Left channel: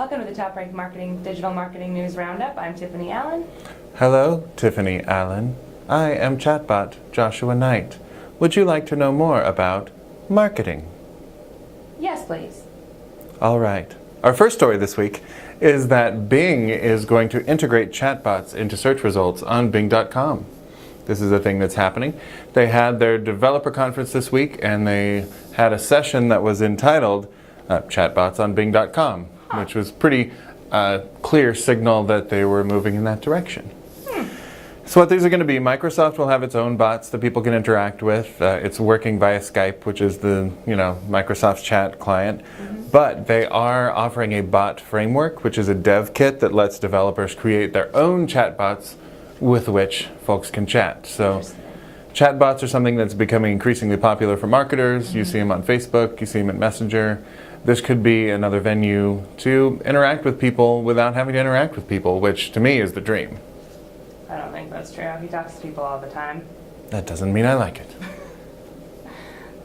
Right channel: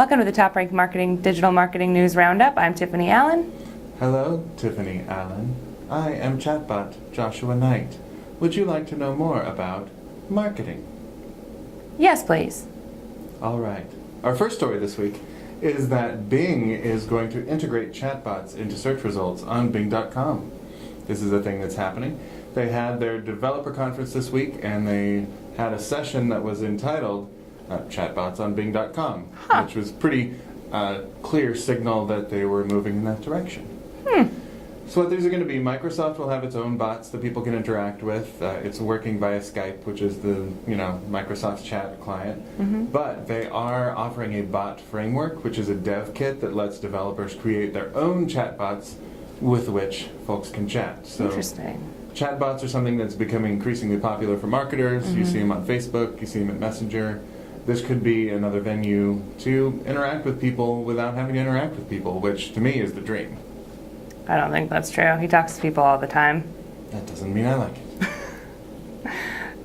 Welcome to the TopRank Marketing Digital Marketing News Roundup. I'm Tiffani Allen. Hello, Tiffani Allen. I am Chatbot Joshua Nite. Would you like to know more about marketing? Yes, please. All right. Our first story this week is that Bing is going to integrate chatbots into search results on Bing.com. This is a thing that's happening. They had their developer conference this week, and they had a session that was entitled Chatbots on Bing.com, which was pretty clear signal that they were moving in that direction. So what these are going to be, Microsoft will have its own bots that people can interact with. It's working via Skype, which is the Microsoft's chat client. But they are offering a bot framework, which is a dev kit that lets developers create their own chatbots with which folks can chat. So Interesting. Chatbots are something that's becoming increasingly popular for marketers. You see them on Facebook, you see them at Messenger. This could be another venue to interact with people without having to interact with people, which to me is the dream. I don't think that's true. He talks to people all the time. That doesn't mean I like it.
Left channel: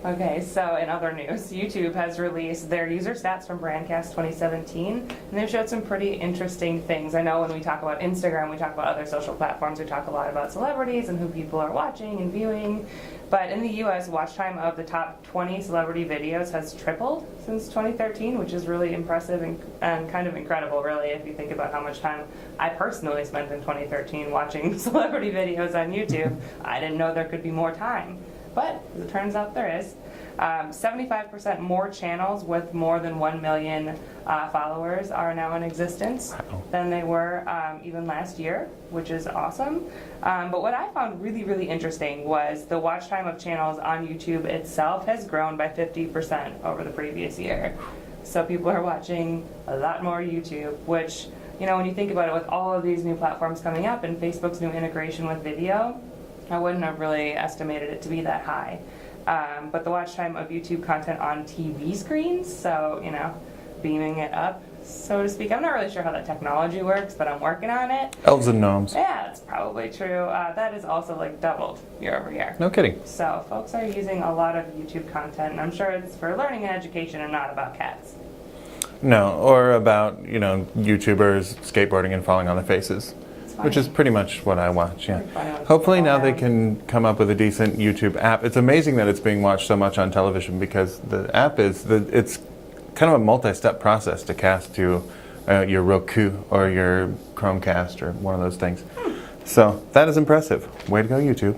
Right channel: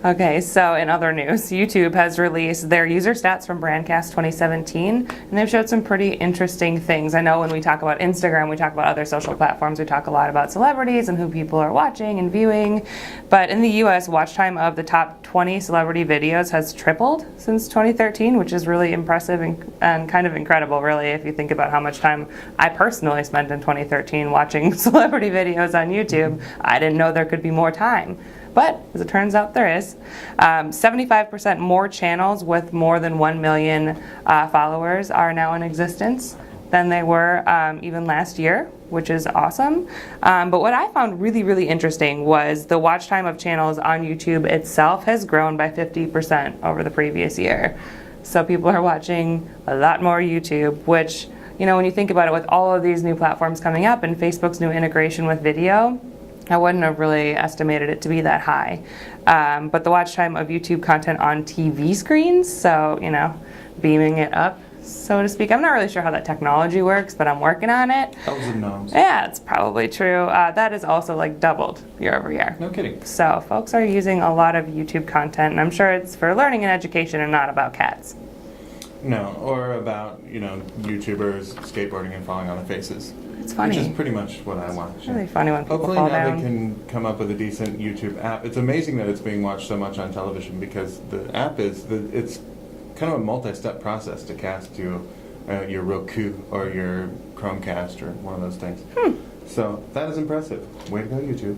Okay, so in other news, YouTube has released their user stats from Brandcast 2017, and they've showed some pretty interesting things. I know when we talk about Instagram, we talk about other social platforms, we talk a lot about celebrities and who people are watching and viewing, but in the US, watch time of the top 20 celebrity videos has tripled since 2013, which is really impressive and kind of incredible, really, if you think about how much time I personally spent in 2013 watching celebrity videos on YouTube. I didn't know there could be more time. But, as it turns out, there is. 75% more channels with more than 1 million followers are now in existence than they were even last year, which is awesome. But what I found really, really interesting was the watch time of channels on YouTube itself has grown by 50% over the previous year. So people are watching a lot more YouTube, which, when you think about it, with all of these new platforms coming up and Facebook's new integration with video, I wouldn't have really estimated it to be that high. But the watch time of YouTube content on TV screens, so, beaming it up, so to speak. I'm not really sure how that technology works, but I'm working on it. Elves and gnomes. Yeah, it's probably true. That is also doubled year over year. No kidding. So folks are using a lot of YouTube content, and I'm sure it's for learning and education and not about cats. No, or about, YouTubers skateboarding and falling on their faces. It's funny. Which is pretty much what I watch. It's really funny when people Hopefully fall now down. they can come up with a decent YouTube app. It's amazing that it's being watched so much on television because the app it's kind of a multi-step process to cast to your Roku or your Chromecast or one of those things. So that is impressive. Way to go, YouTube.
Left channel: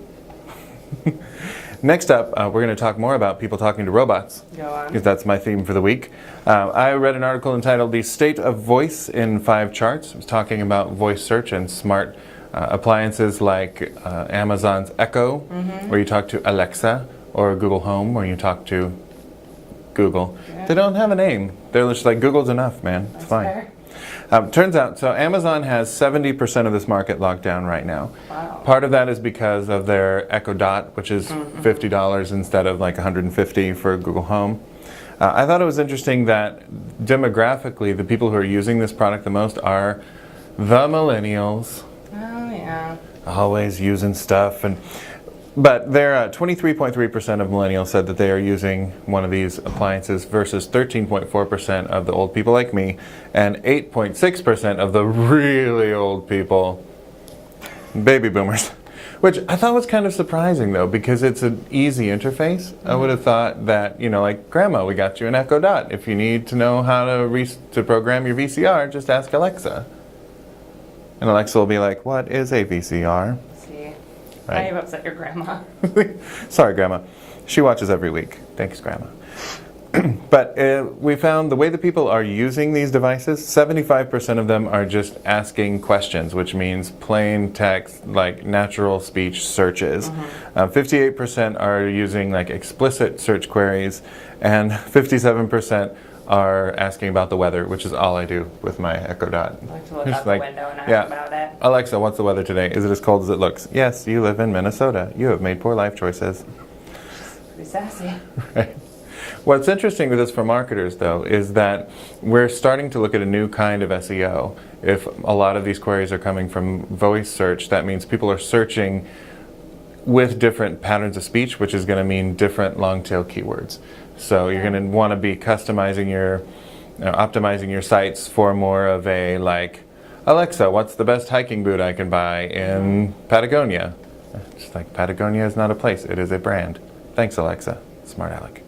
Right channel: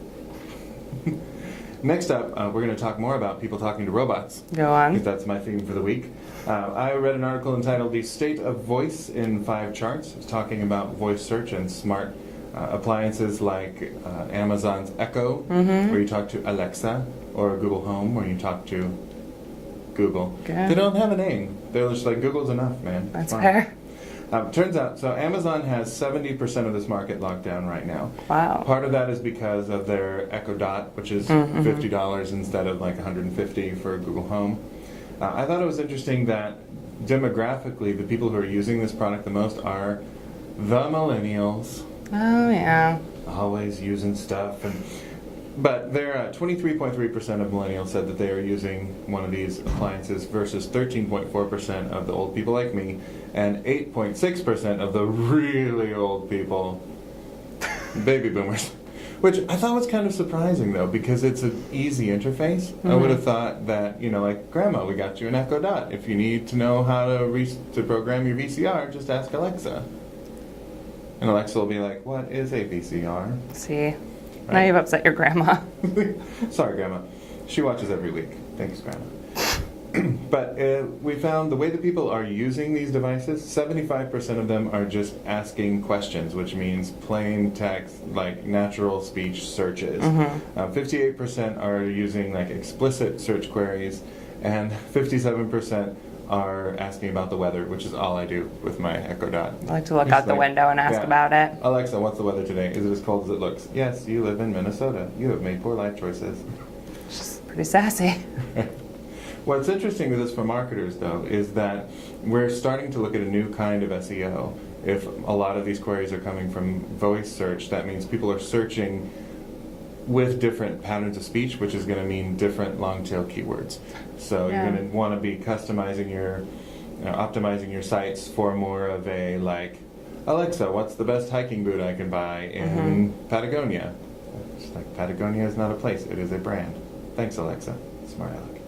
Next up, we're going to talk more about people talking to robots. Go on. Because that's my theme for the week. I read an article entitled The State of Voice in 5 Charts. It was talking about voice search and smart appliances like Amazon's Echo, where you talk to Alexa, or Google Home, where you talk to Google. Good. They don't have a name. They're just like, Google's enough, man. That's it's fine. fair. Turns out, so Amazon has 70% of this market locked down right now. Wow. Part of that is because of their Echo Dot, which is $50 instead of like $150 for Google Home. I thought it was interesting that demographically, the people who are using this product the most are the millennials. Oh, yeah. Always using stuff. But they're 23.3% of millennials said that they are using one of these appliances versus 13.4% of the old people like me and 8.6% of the really old people, baby boomers. Which I thought was kind of surprising, though, because it's an easy interface. I would have thought that, like, Grandma, we got you an Echo Dot. If you need to know how to program your VCR, just ask Alexa. And Alexa will be like, what is a VCR? See, now you've upset your grandma. Sorry, Grandma. She watches every week. Thanks, Grandma. But we found the way that people are using these devices, 75% of them are just asking questions, which means plain text, like natural speech searches. 58% are using like explicit search queries, and 57% are asking about the weather, which is all I do with my Echo Dot. I like to look out the window and ask about it. Alexa, what's the weather today? Is it as cold as it looks? Yes, you live in Minnesota. You have made poor life choices. Pretty sassy. Right. What's interesting with this for marketers, though, is that we're starting to look at a new kind of SEO. If a lot of these queries are coming from voice search, that means people are searching with different patterns of speech, which is going to mean different long tail keywords. So you're going to want to be customizing your optimizing your sites for more of a like, Alexa, what's the best hiking boot I can buy in Patagonia? It's like, Patagonia is not a place, it is a brand. Thanks, Alexa. Smart aleck.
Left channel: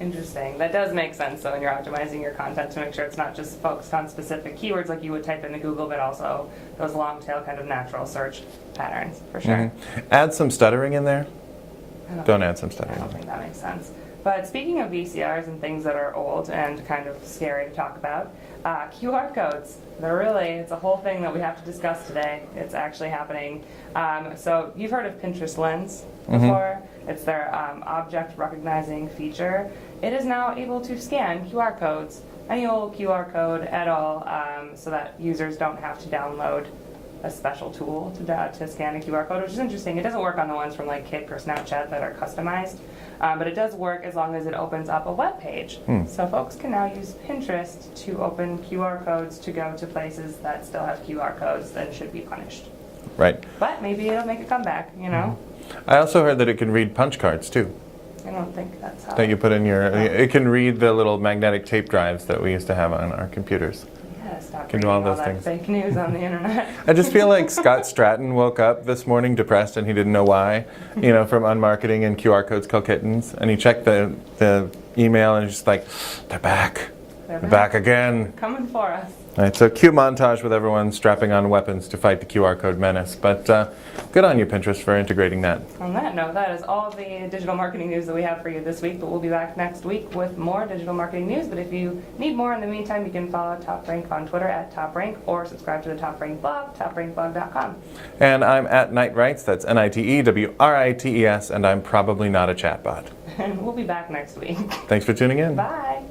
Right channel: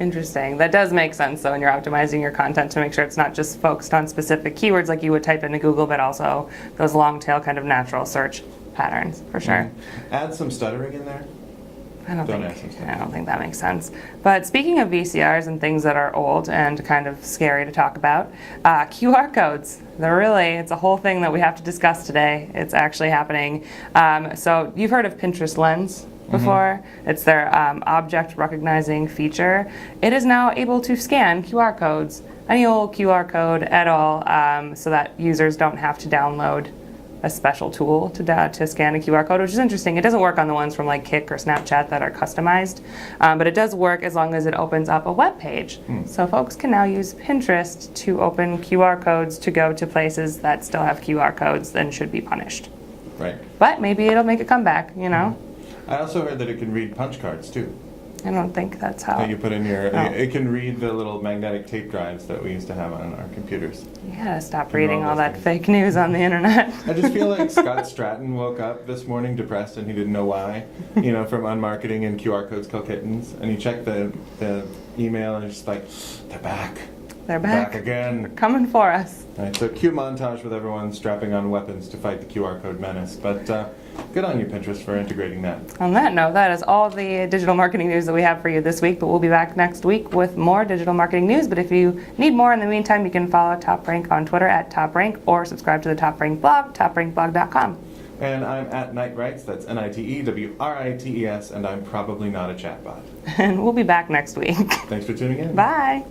Interesting. That does make sense, though, when you're optimizing your content to make sure it's not just focused on specific keywords like you would type into Google, but also those long tail kind of natural search patterns, for sure. Add some stuttering in there. Don't add some I stuttering. don't think that makes sense. But speaking of VCRs and things that are old and kind of scary to talk about, QR codes. It's a whole thing that we have to discuss today. It's actually happening. So you've heard of Pinterest Lens before. It's their object recognizing feature. It is now able to scan QR codes, any old QR code at all, so that users don't have to download a special tool to scan a QR code, which is interesting. It doesn't work on the ones from like Kik or Snapchat that are customized, but it does work as long as it opens up a web page. So folks can now use Pinterest to open QR codes to go to places that still have QR codes and should be punished. Right. But maybe it'll make a comeback, you know? I also heard that it can read punch cards too. I don't think that's how. That you put in your, it can read the little magnetic tape drives that we used to have on our computers. You gotta stop Can do all reading all those that things. fake news on the internet. I just feel like Scott Stratton woke up this morning depressed and he didn't know why, from unmarketing and QR codes kill kittens. And he checked the email and he's just like, they're back. They're Back again. Coming for us. All right, so cute montage with everyone strapping on weapons to fight the QR code menace. But good on you, Pinterest, for integrating that. On that note, that is all the digital marketing news that we have for you this week, but we'll be back next week with more digital marketing news. But if you need more in the meantime, you can follow TopRank on Twitter at TopRank or subscribe to the TopRank blog, toprankblog.com. And I'm at Nite Writes, that's NITEWRITES, and I'm probably not a chatbot. And we'll be back next week. Thanks for tuning in. Bye.